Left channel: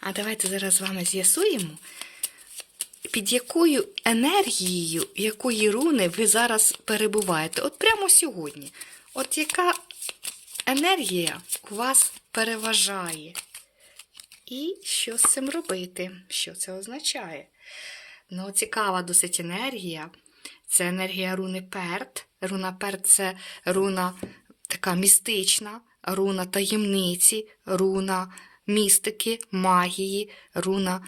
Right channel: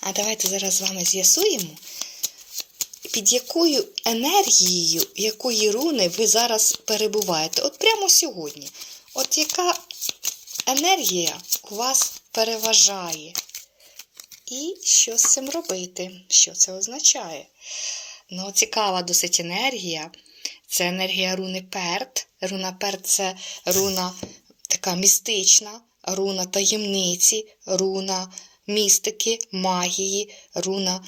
А давайте зараз з вами з'ясуємо, під якою енергією, якої руни ви зараз перебуваєте. От прямо сьогодні. От яка енергія у вас переважає? І що з цим робити? Що це означає? Ну, цікава досить енергія. Це енергія руни Перт. Руна Перт це руна така містична, руна таємниці, руна містики, магії, руна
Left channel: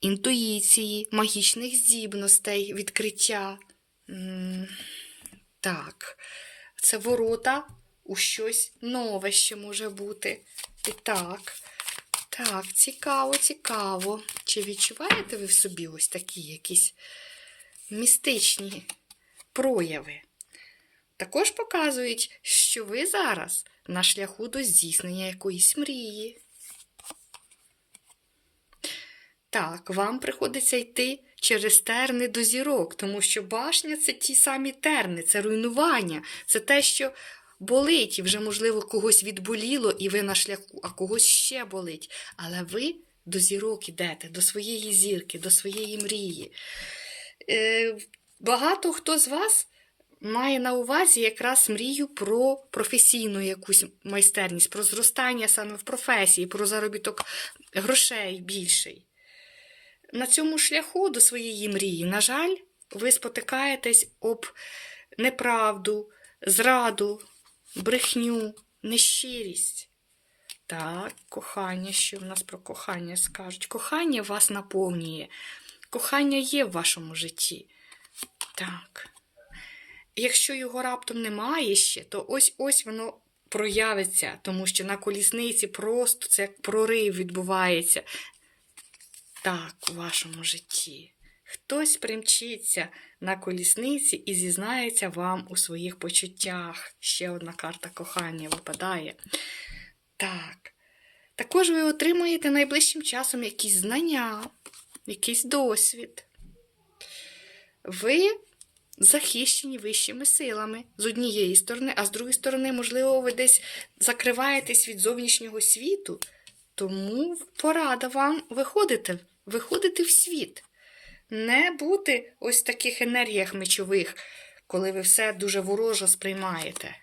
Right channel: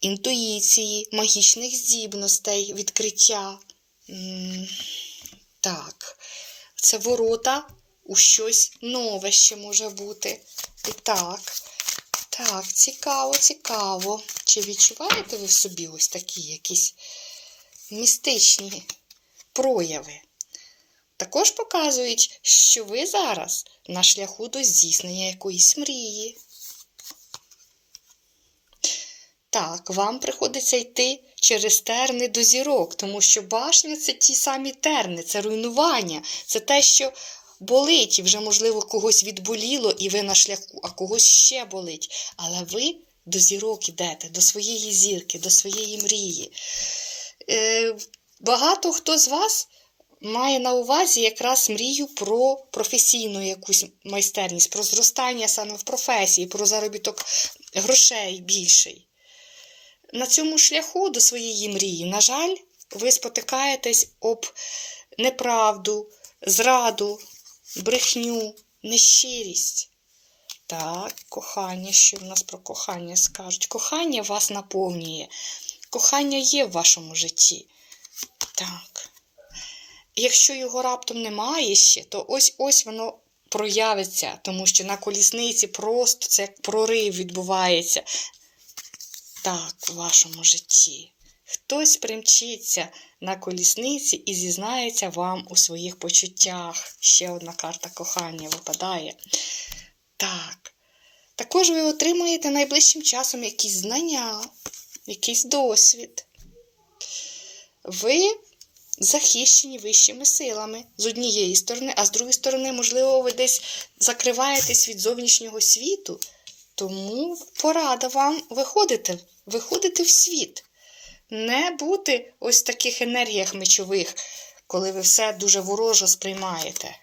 інтуїції, магічних здібностей, відкриття. Так, це ворота у щось нове ще може бути. І так. Так, цікаво, цікаво. Чи відчуваєте ви в собі ось такі якісь містичні прояви? Також показують, що ви зараз на шляху до здійснення якоїсь мрії. Так, вам приходиться йти через терни до зірок, тому що башня це ті самі терни, це руйнування, це те, що болить, і вже, можливо, когось відболіло, і ви на шляху, а когось ще болить. Але ви до зірок ідете, до своєї зірки, до своєї мрії. Е, багато хто з вас має на увазі якраз мрію про професійну якусь майстерність, про зростання саме в професії, про заробіток грошей більший. На цьому шляху до своєї мрії, на жаль, ви спотикаєтесь об неправду, зраду, брехню, нещирість. Так, кохання, що в нас про кохання скажуть? Кохання вас наповнює. Кохання є в вашому житті. Так. Якщо його раптом немає ще, то ось ось воно проявиться, тому що на колісниці просто це прорив відбувається. Так, у вашому житті. Хтось примчиться на колісниці і зізнається вам у своїх почуттях. Ще одна карта кохання випадає. Так. Також ви отримаєте найближчим часом якісь знання, якийсь досвід. Ви захищені вищими силами з однієї сторони, а з другої сторони, можливо, ви десь закриваєтесь від зовнішнього світу. Тому порада вам виходити, виходити в світ. Не бути ось в таких енергіях мечових, коли ви все дуже вороже сприймаєте.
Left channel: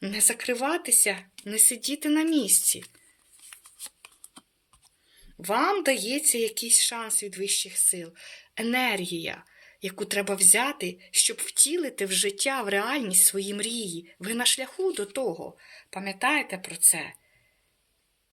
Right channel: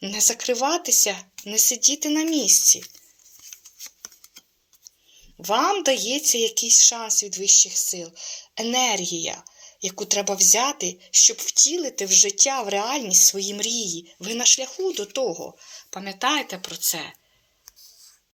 Не закриватися, не сидіти на місці. Вам дається якийсь шанс від вищих сил, енергія, яку треба взяти, щоб втілити в життя, в реальність свої мрії. Ви на шляху до того. Пам'ятаєте про це?